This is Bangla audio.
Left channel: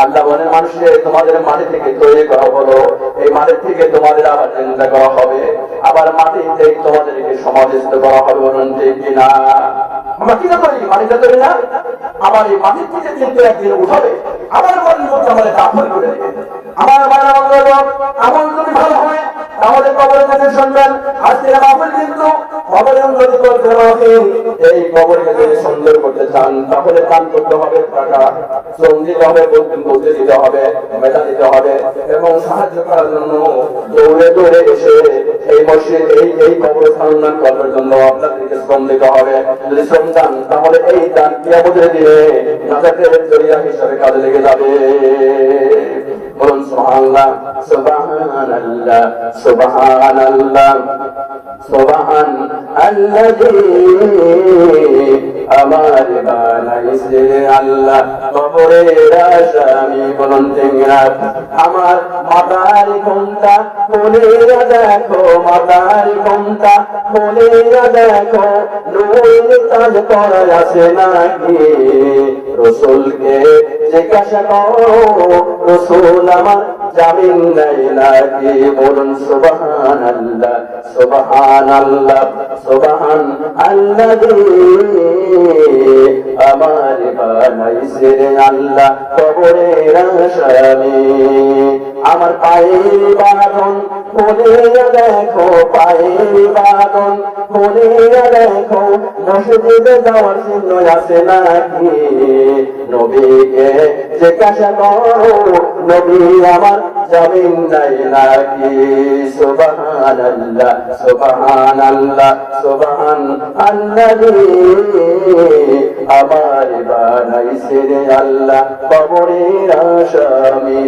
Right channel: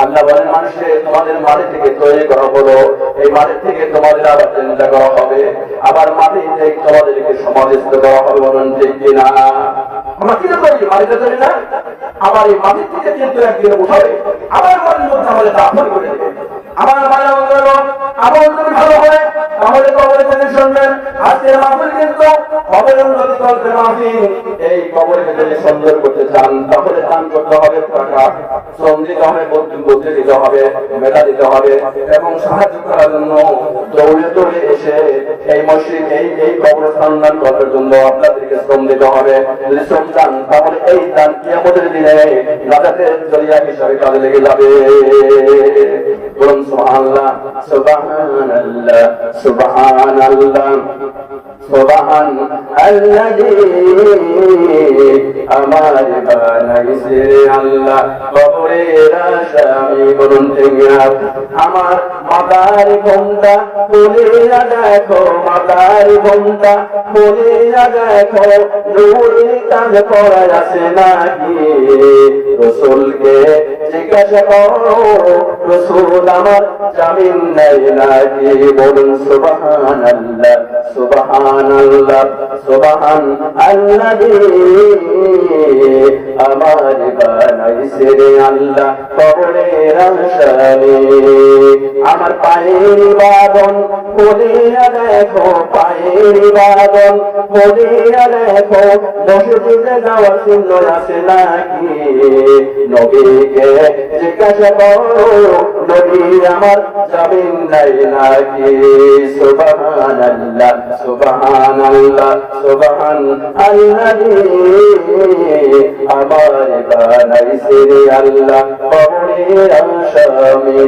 আল্লাহ বলেন মানুষকে তোমাদের মাটি থেকে তৈরি করা হলো, এই মাটি থেকে তোমাদের আবার চিন্তা করা হবে, আবার মাটি থেকে তোমাদেরকে সমাধিস্থ করা হবে। বলুন ঠিক কিনা? আমরা কিনা করি, মাটিতে করি না? আবার এই মাটির থেকে কিন্তু একদিন উঠাবে, আবার মাটির মধ্যে আমাদের দাফন করে দেবে। আমার ভাই আমাদের আমল যদি ভালো হয় তাহলে কবরে যদি শুনবেন আজকের মাহফিল কিন্তু কবরের উন্নতি করতে হবে। এই কবরকে যদি সুন্দর করতে চান তাহলে দান করতে হবে, টাকা শ্রম দিতে হবে, বুদ্ধি দিতে হবে, মেধা দিতে হবে এবং সাহায্য করার জন্য দৌড়ে দৌড়ে এসে এই মসজিদ এই কবরস্থান উন্নয়ন করার জন্য আপনাদেরকে শ্রম দিতে হবে। যদি শ্রম চান তাহলে এই দান কিয়ামতের দিনে নাজাতের জরিয়া হিসাবে কাজে লেগে যাবে। বলুন সুবহানাল্লাহ, সুবহানাল্লাহ, সুবহানাল্লাহ, সুবহানাল্লাযী আমার বানাইছে আল্লাহ কবরের আসামি। বলুন ঠিক না? আমার মাথার ঘোমটা খুলিয়া দেখো, মাথার ঘোমটা খুলিয়া দেখো, নূর তাজ পরা আছে নাকি? রাসূলকে জিজ্ঞাসা করো, রাসূল আমার জামিন দেয় নাকি? বলুন সুবহানাল্লাহ, সুবহানাল্লাহ, সুবহানাল্লাযী আমার বানাইছে রে আল্লাহ কবরের আসামি। আমার পায়ের বাঁধন খুলিয়া দেখো, পায়ের বাঁধন খুলিয়া দেখো, মসজিদে যাওয়ার চিহ্ন আছে নাকি? নবীকে জিজ্ঞাসা করো, নবী আমার জামিন দেয় নাকি? সুবহানাল্লাহ, সুবহানাল্লাহ, সুবহানাল্লাযী আমার বানাইছে রে আল্লাহ কবরের আসামি।